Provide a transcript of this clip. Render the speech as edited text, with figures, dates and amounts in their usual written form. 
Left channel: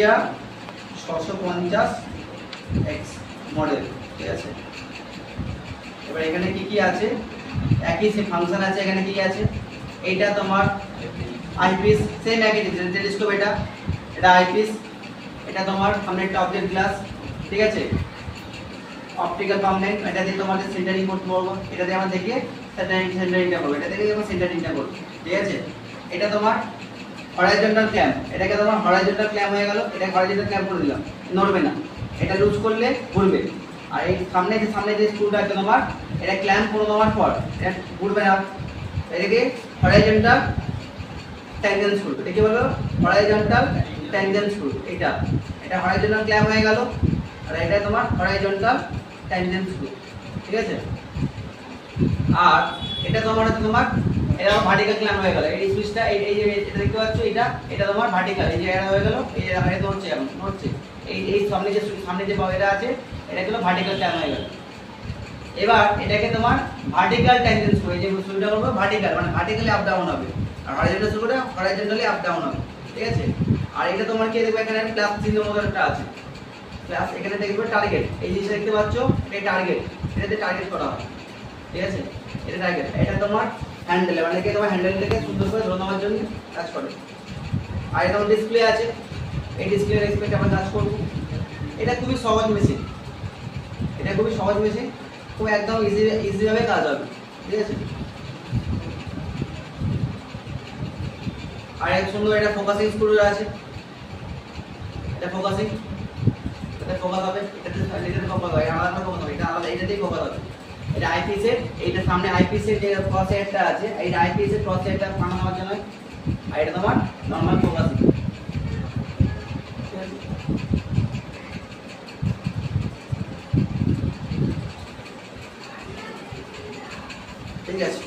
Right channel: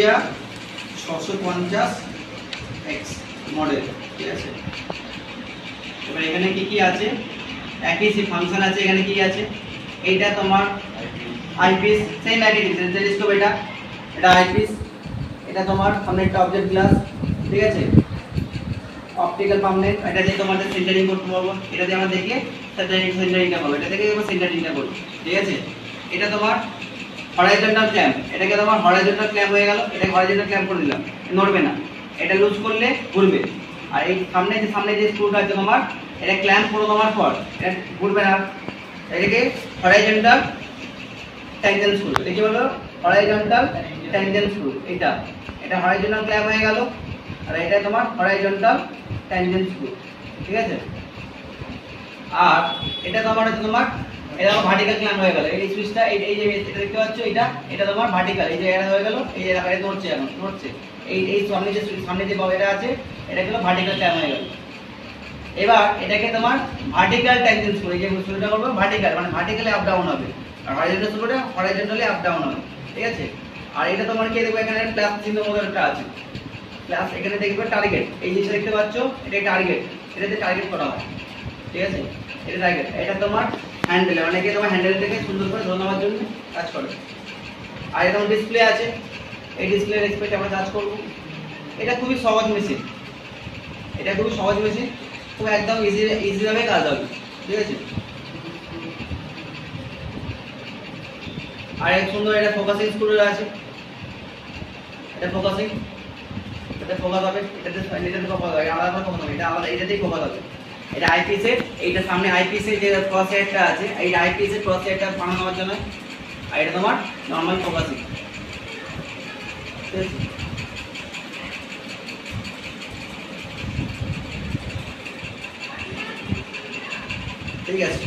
দেওয়া 650 x model, ঠিক আছে। এবার এখানে কি কি আছে, একই সে ফাংশন আছে। এখানে কি আছে, এইটা তোমার আইপিস, সেম একই টেলিস্কোপ। এটা আইপিস, এটা তোমার সামনে একটা অবজেক্ট গ্লাস, ঠিক আছে। অপটিক্যাল পার্মানেন্ট, এটা দিয়ে তোমাদের সেন্টারিং করতে পারবো। এটা দিয়ে আমরা দেখে সেন্টারিংটা করবো, এটা থেকে আমরা সেন্টারিংটা করবো, ঠিক আছে। এটা তোমার হরাইজন্টাল ক্ল্যাম্প, এটাকে তোমার হরাইজন্টাল ক্ল্যাম্প হয়ে গেল। এটা হরাইজন্টাল ক্ল্যাম্প করে দিলাম, নড়বে না। এটা লুজ করলে ঘুরবে। আর এই সামনে যে স্ক্রুটা আছে তোমার, এটা ক্ল্যাম্প করে দেওয়ার পর এটা ঘুরবে না। এটাকে হরাইজন্টাল ট্যানজেন্ট স্ক্রু, এটা কি বলো, হরাইজন্টাল ট্যানজেন্ট স্ক্রু। এটা হরাইজন্টাল ক্ল্যাম্প হয়ে গেল, আর এটা তোমার হরাইজন্টাল ট্যানজেন্ট স্ক্রু, ঠিক আছে। আর এটা তোমার হচ্ছে এটা ভার্টিক্যাল ক্ল্যাম্প হয়ে গেল। এই সুইচটা এই যে এটা দেখতে পাচ্ছ, এটা তোমার ভার্টিক্যাল, এই যে এটা হয়ে গেল, এই যে এটা নড়ছে, এখন নড়ছে। এই সামনে যে এটা আছে, এটা হলো ভার্টিক্যাল ক্ল্যাম্প হয়ে গেল। এবার এটাকে তোমার ভার্টিক্যাল ট্যানজেন্ট স্ক্রু, এই যে স্ক্রুটা করব ভার্টিক্যাল, মানে ভার্টিক্যালি আপ ডাউন হবে, আর হরাইজন্টাল স্ক্রুটা হরাইজন্টালি আপ ডাউন হবে, ঠিক আছে। আর এটা তোমার কি দেখবে, এখানে প্লাস চিহ্ন মতো একটা আছে, প্লাস। এখানে দেখবে টার্গেট, এই জিনিসটা দেখতে পাচ্ছ, এটা টার্গেট, এটাতে টার্গেট করা হয়, ঠিক আছে। এটা টার্গেট, এটা তোমার হ্যান্ডেল, মানে কি তোমার হ্যান্ডেলটাকে সুন্দর করে ধরে নেওয়ার জন্য কাজ করে। আর এরকম ডিসপ্লে আছে, এই ডিসপ্লে রেসপেক্ট আমরা কাজ করব। এটা খুবই সহজ মেশিন, খুব একদম ইজি ভাবে কাজ হবে, ঠিক আছে। আর এক সুন্দর এটা ফোকাসিং স্ক্রু আছে, এটা ফোকাস হবে, এটাতে ফোকাস হবে, আলাদা ফোকাস হবে, এটা আলাদা, এটাতেই ফোকাস হবে। এটা আইপিএস এর, এইটা সামনে আইপিএস এর যে ক্রস হেডটা আছে, এই আইপিএস এর ক্রস হেডটা বানানোর জন্য। আর এটা তোমার নরমাল ফোকাসিং, ঠিক আছে। ঠিক আছে।